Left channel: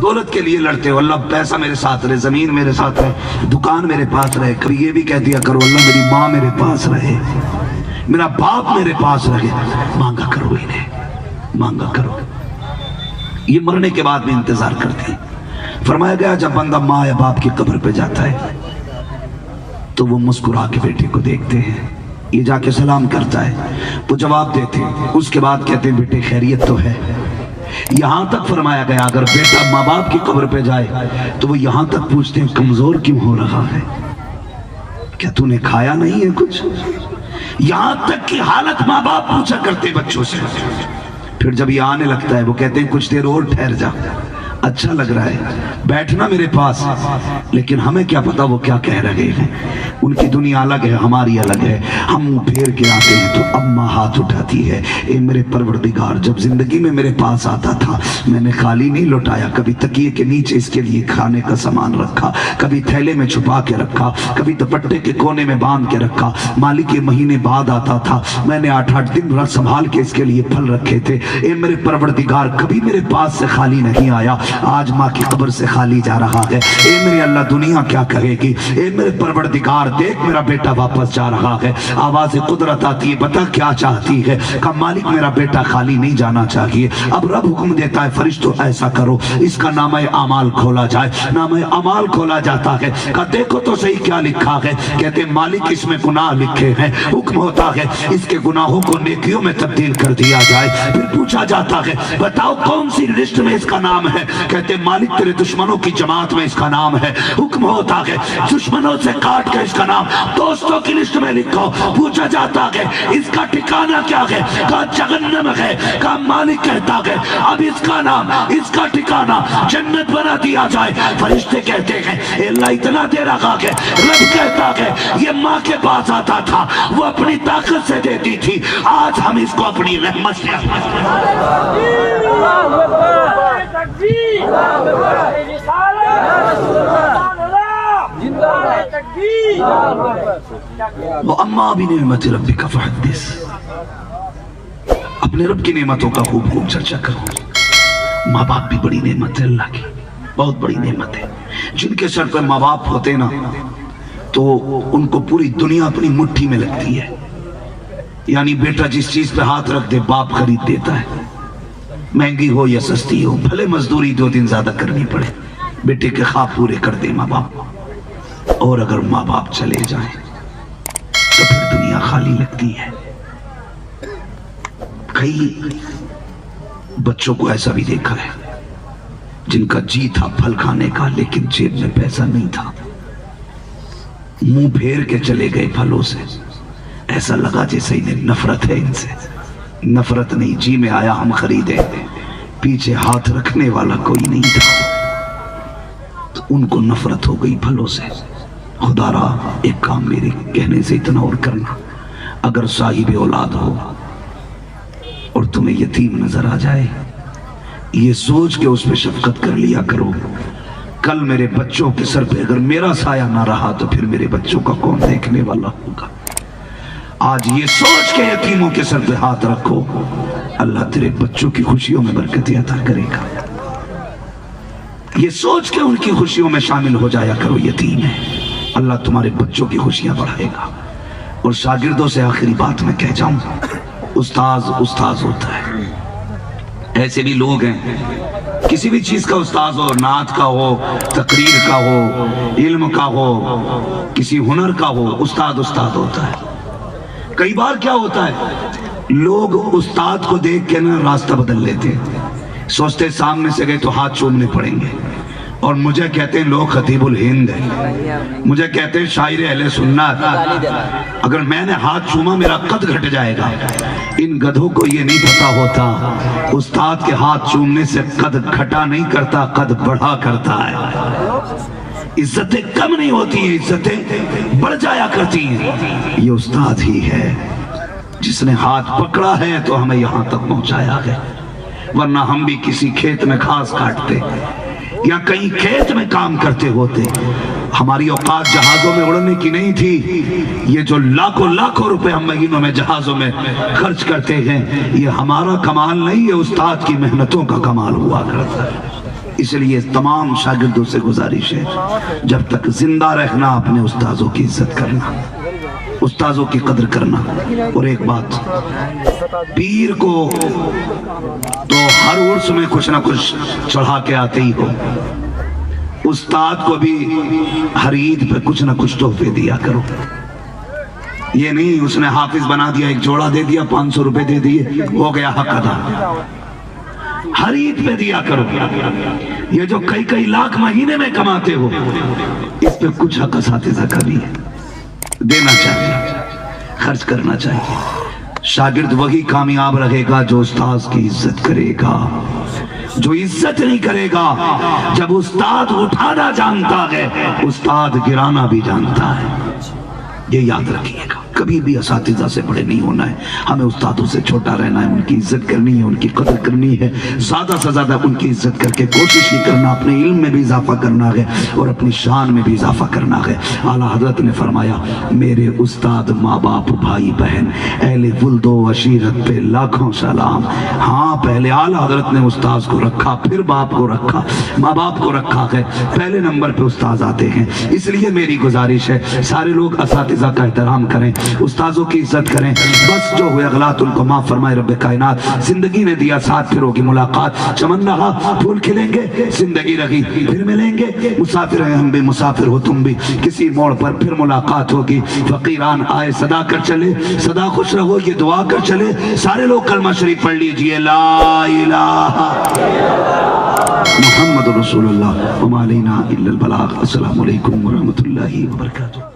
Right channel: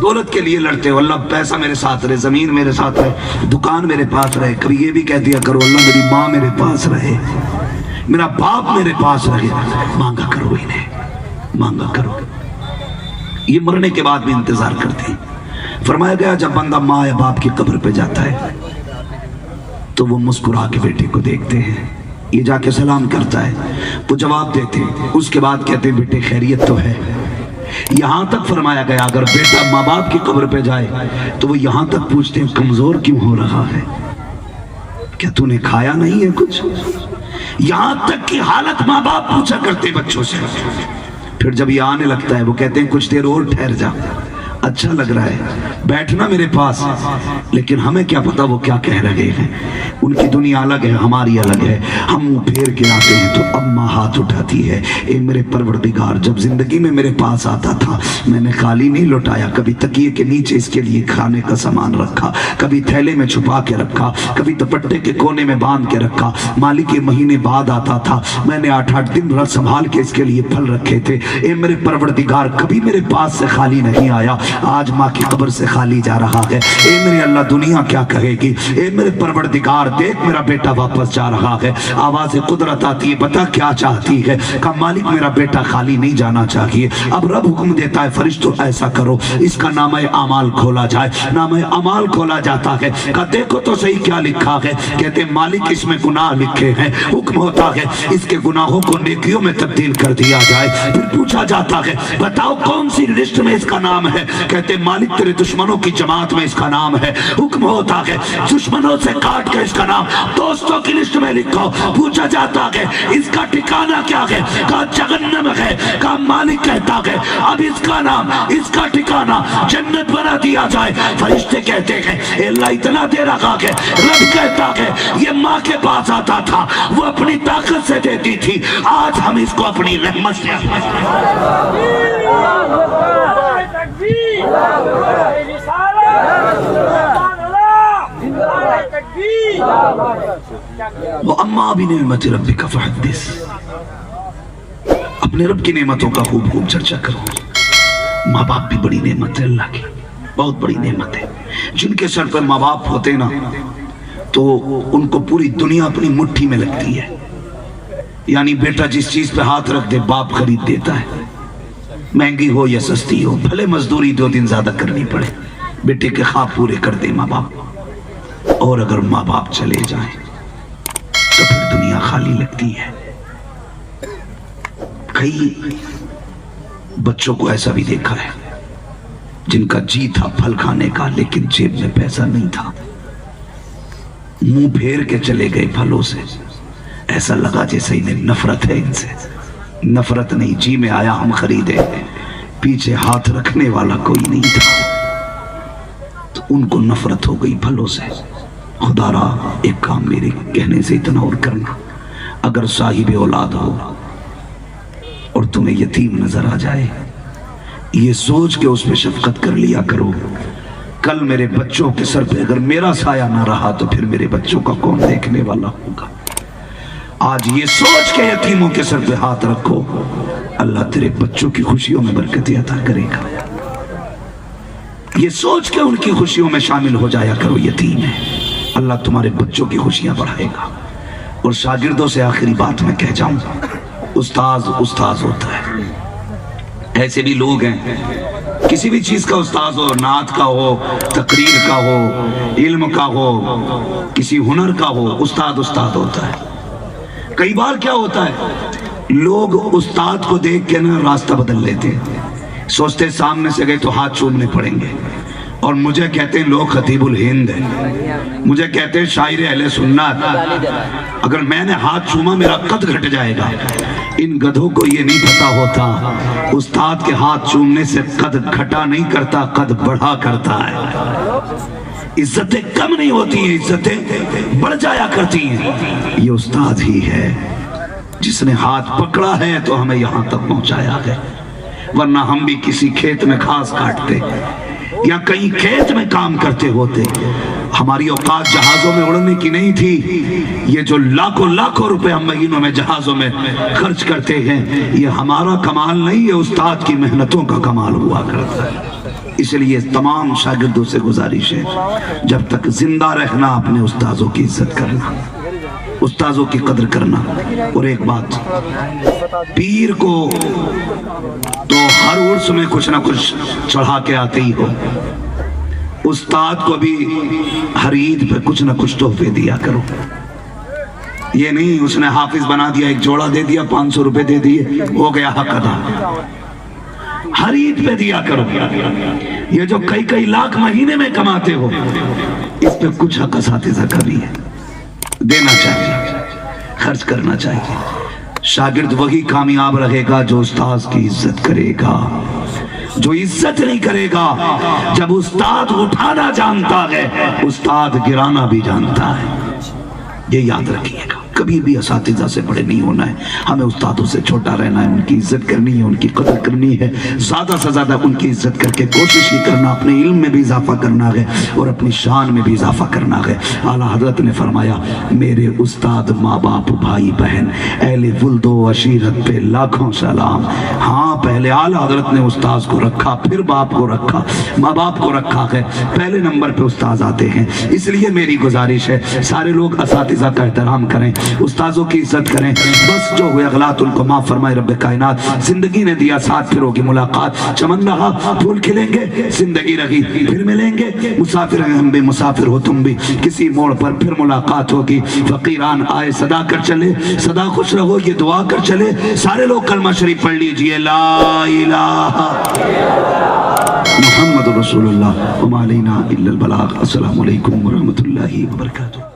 دولت کے لیے لڑتے ہو، اللہ پیسہ میرے ساتھ رہے، زمین میرے ساتھ رہے، دکان میرے پاس رہے، کبھی یہ بھی کہہ دیا کرو اللہ میری ماں میرے پاس رہے، میرا باپ میرے پاس رہے، مانگا کرو انہیں، مانگا کرو۔ یہ مرنے کے بعد بھی انتظار کرتے ہیں۔ فرمایا گیا جب بندہ ماں یا باپ کی قبر پہ جاتا ہے تو وہ مسکرا کے بیٹے کو دیکھتے ہیں، یہ جا کے سلام کرتا ہے، وہ جواب دیتے ہیں، اس کے بعد کہتے ہیں بیٹے خیریت تو ہے۔ یہاں تک فرمایا گیا اگر بیٹا ماں باپ کی قبر پہ جائے تو وہ یہاں تک پوچھتے ہیں کمزور کیوں ہو رہا ہے، کیا تو نے کھایا نہیں ہے کچھ؟ یہاں تک کی حالت ماں باپ پوچھا کرتے بچوں سے۔ پھر جب یہ آنے لگتا ہے وہ کہتے ہیں کچھ دیر اور ٹھہر جا، اچھا لگ رہا ہے بیٹھنا میرے پاس، لیکن ہمیں کیا پتا وہ کیا کہہ رہے ہیں، ان کی دنیا الگ ہے ہماری الگ ہے۔ ہم پھیر کے آتے ہیں تو اماں ہاتھ اٹھاتی ہے، اے میرے پروردگار جب زندگی میں میرے پاس آتا تھا میں نے خالی نہیں لوٹایا، کبھی تکیے کے نیچے اس کے لیے کھانے کا سامان رکھا، کبھی تھیلے میں چھپا کے رکھا، کبھی دوپٹے کے کونے میں باندھ کے رکھا، مالک کے مہینے بعد آتا تھا میں نے 8-8 دن رات سنبھال کے اس کے لیے پھل رکھے تھے۔ اے میرے پروردگار کبھی میرے پاس سے خالی نہیں آیا، آج ماں کی قبر سے خالی جا رہا ہے، اے میرے اللہ دنیا کیا کہے گی، اے میرے پروردگار دیکھ میرا بیٹا واپس جا رہا ہے۔ آواز قدرت آتی ہے بتا کیا چاہتی ہے، کہ مالک میرا بیٹا خالی نہیں جانا چاہیے۔ اب رب حکم دیتا ہے فرشتوں ایسا کرو اس کا نامہ اعمال کھولا جائے، نامہ اعمال کھولا جاتا ہے، کہ دیکھو تو صحیح کیا لکھا ہے، کہتے ہیں مالک اس میں گناہ لکھے ہیں، حکم ہوتا ہے اس کے گناہوں کو نیکیوں میں تبدیل کر دیا جائے۔ پھر پوچھا جاتا ہے بتاؤ کون سی لسٹ میں اس کا نام ہے، کہتے ہیں مالک تیرے دشمنوں کی جماعت میں اس کا نام ہے، حکم ہوتا ہے دشمنوں سے کاٹ کے اس کا نام دوستوں کی لسٹ میں لکھو۔ پوچھا جاتا ہے اس کا ٹھکانہ کیا ہے، کہا جہنم ہے، کہا مالک کہتا ہے اب اس کا نام اس کا ٹھکانہ جنت بنا دیا جائے۔ فرشتے کہتے ہیں اے اللہ اتنا دے رہا ہے، رب کہتا ہے یہ ماں کے پاس آتا تھا وہ اپنی طاقت سے دیتی تھی، آج ہم اس کو اپنی رحمت سے وَأَمَّا بِنِعْمَةِ رَبِّكَ فَحَدِّثْ، اپنے رب کی نعمتوں کا خوب خوب چرچا کرو۔ ماں باپ بھی بڑی نعمت ہے اللہ کی، بہت بڑی نعمت ہے۔ جن کے سر پر ماں باپ ہوتے نا تو ان کو پوری دنیا اپنی مٹھی میں لگتی ہے، یعنی بیٹا جس چیز پہ ہاتھ رکھ دے باپ خرید دیتا ہے، مہنگی ہو یا سستی ہو، بھلے مزدوری 2 دن زیادہ کرنی پڑے، بیٹے کے خواب پورے کر دے ماں باپ۔ اور اگر ماں باپ چلے جائیں تو پھر دنیا خالی لگتی ہے۔ کئی بچوں کو ایسا بھی دیکھا ہے جن کا جی تھا پھل کھانے کا لیکن جیب میں پیسہ نہیں تھا، منہ پھیر کے چلے گئے پھلوں سے، ایسا لگا جیسے انہیں نفرت ہے ان سے۔ نفرت نہیں، جی میں آیا ہم خریدے، پیچھے ہاتھ رکھنے والا کوئی نہیں تھا، تو ان کو نفرت ہو گئی پھلوں سے۔ خدا را ایک کام میرے کہنے سے اتنا اور کرنا، اگر صاحب اولاد ہو اور تمہیں یتیم نظر آ جائے یہ سوچ کے اس پہ شفقت کر لیا کرو، کل میرے بچوں کے سر پہ اگر میرا سایہ نہ رہا تو پھر میرے بچوں کا کون دیکھنے والا ہوگا۔ آج یہ سوچ کے یتیموں کے سر پہ ہاتھ رکھو، اللہ تیرے بچوں کی خوشیوں میں برکت عطا کرے گا۔ یہ سوچ کے ان کی خوشیوں میں شامل ہو جایا کرو، یتیم ہے اللہ تمہارے بچوں کی خوشیاں بڑھائے گا۔ اور شاگردوں سے آخری بات میں کہہ جاؤں، استاذ ہوتا ہے، ایسے بھی لوگ ہیں کسی بھی چیز کا استاذ ہو، نعت کا ہو، تقریر کا ہو، علم کا ہو، کسی ہنر کا ہو، استاد ہوتا ہے۔ کئی بار کیا ہوتا ہے لوگ استاد کو دیکھ کے نا راستہ بدل لیتے ہیں، سوچتے سامنے سے گئے تو ہاتھ چومنے پڑیں گے، اور مجھے کہتے ہیں لوگ خطیب الہند ہیں، مجھے کہتے ہیں شاعر اہل سنت، اگر میں نے ہاتھ چوما میرا قد گھٹ جائے گا۔ ان گدھوں کو یہ نہیں پتا ہوتا استاد کے ہاتھ چومنے سے قد گھٹا نہیں کرتا، قد بڑھا کرتا ہے۔ عزتیں کم نہیں ہوتی ہیں، عزتیں بڑھ جایا کرتی ہیں۔ یہ استاد ہی ہے جس نے ہاتھ پکڑا ہے تو ہمیں یہاں تک پہنچایا ہے، ورنہ ہم بھی کسی کھیت میں گھاس کاٹتے یا کہیں کھیت میں کام کرتے ہوتے، ہماری اوقات جہازوں میں اڑنے کی نہیں تھی۔ یہ جو لاکھوں روپے ہم مہینوں میں جہازوں میں خرچ کرتے ہیں یہ ہمارا کمال نہیں، یہ استاد کی محنتوں کا کمال ہوا کرتا ہے۔ اس لیے تمام شاگردوں سے گزارش ہے جب تک زندہ رہنا اپنے استاذوں کی عزت کرنا، استاذوں کی قدر کرنا۔ اور ایک بات، پیر کو تو ہر عرس میں کچھ نہ کچھ چڑھا کے آتے ہی ہو، استاد کو بھی ہر عید پہ کچھ نہ کچھ تحفے دیا کرو۔ یہ نہیں اس نے حافظ بنا دیا، ایک جوڑا دے دیا، 500 روپے دے دیے، ہو گیا حق ادا۔ ہر عید پہ دیا کرو۔ یہ جو کئی لاکھ مہینے میں کماتے ہو، اس پہ کچھ حق اساتذہ کا بھی ہے، دینا چاہیے، خرچ کرنا چاہیے۔ شاگرد وہی کامیاب رہے گا جو استاذ کی عزت کرے گا۔ جو عزت نہیں کرے گا، جب استاد اٹھانا جانتا ہے استاد گرانا بھی جانتا ہے، یہ یاد رکھیے گا۔ کبھی بھی اساتذہ سے بڑے نہیں ہونا ہے، ہمیں استادوں سے چھوٹا رہنا ہے، ان کی عزت کرنی ہے، ان کی قدر کرنی ہے، زیادہ سے زیادہ ان کی عزت کر کے کوشش ہی کرنا، اپنے علم میں بھی اضافہ کرنا ہے اور اپنی شان میں بھی اضافہ کرنا ہے۔ اعلیٰ حضرت نے فرمایا میرے استاد، ماں باپ، بھائی بہن، اہل ولد و عشیرت پہ لاکھوں سلام۔ ہاں، پہلے اعلیٰ حضرت نے استاذ کو رکھا، پھر باپ کو رکھا، ماں باپ کو رکھا ہے، پہلے نمبر پہ استاذ آتے ہیں۔ اس لیے میری گزارش ہے سارے لوگ اساتذہ کا احترام کریں، استاذوں کی عزت کریں۔ بس جو ہوئے اغلاط ان کو معاف فرمائے رب کائنات۔ زندگی نے دیا ساتھ، پھر ہوگی ملاقات، چمن رہا پھول کھلیں گے، زندگی رہی پھر ملیں گے، مسافر ہیں ہم بھی، مسافر ہو تم بھی، کسی موڑ پر پھر ملاقات ہوگی۔ فقیران آئے صدا کر چلے، صدا خوش رہو یہ دعا کر چلے۔ سارے لوگ کلمہ شریف پڑھ لیجئے، لا الہ محمد رسول اللہ وما علینا الا البلاغ۔ السلام علیکم ورحمۃ اللہ وبرکاتہ۔